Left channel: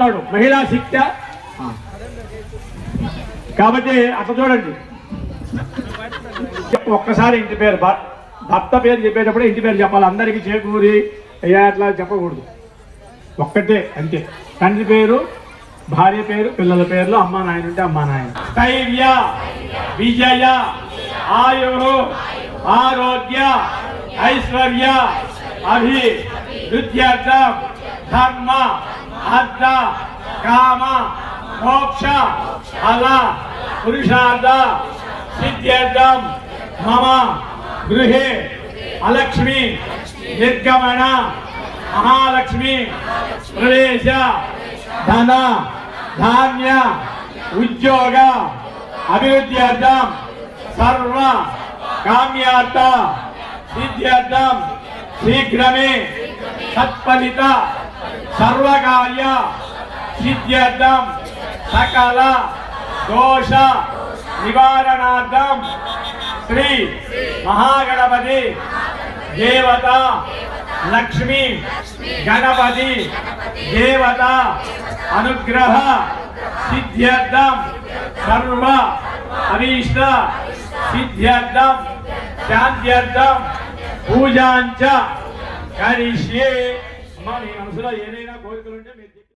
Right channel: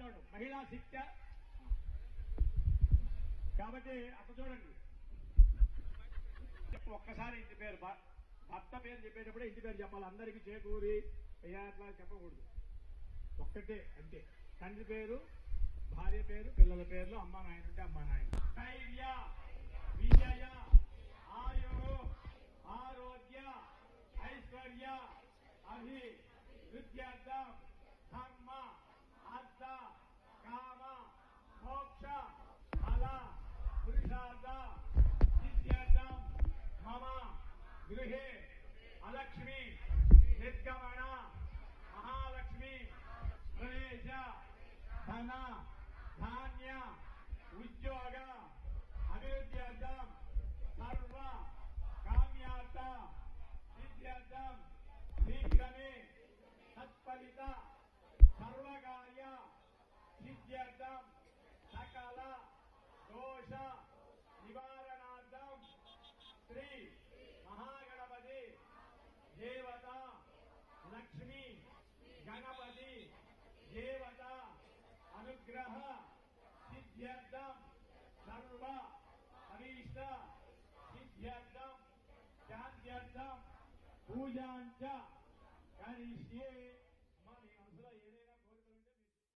మహిళా శిక్ష. కాబట్టి అట్లా చూడండి. ఒక్కసారి ఇంటి పేరు భర్త పేరు చెప్పేటప్పుడు ఇంటి పేరు చెప్పాలి. అందరికీ చేకూరి. అయ్యా అట్లా చెప్పకూడదు. ఒక్కటే అంతే. తండ్రి పేరు భార్య పేరు పిల్లల పేర్లు అమ్మా నాయన ఉంటే అమ్మా నాయన. ధైర్య విజయ ఆయు ఆరోగ్య ఐశ్వర్య అభి వృద్ధ్యర్థం ధర్మ అర్థ కామ మోక్ష ఫల పురుషార్థ సిద్ధ్యర్థం మమ గృహే అలక్ష్మి నిర్గమణ మహాలక్ష్మి ప్రవేశ ధన ధాన్య ఉద్యోగ అభివృద్ధ్యర్థం సర్వ కామ్యార్థ సిద్ధ్యర్థం శీఘ్రమే సత్ఫలిత సర్వకార్య సిద్ధ్యర్థం సకల దోష నివారణార్థం శ్రీ మహాగణపతి దేవత లక్ష్మి గణపతి దేవత అనుగ్రహ సిద్ధ్యర్థం సర్వ అభీష్ట సిద్ధ్యర్థం శాంత్యర్థం పూజాంచ కరిష్యే అమ్మా నీ మనసులో ఏదైనా కోరికలుంటే మీరు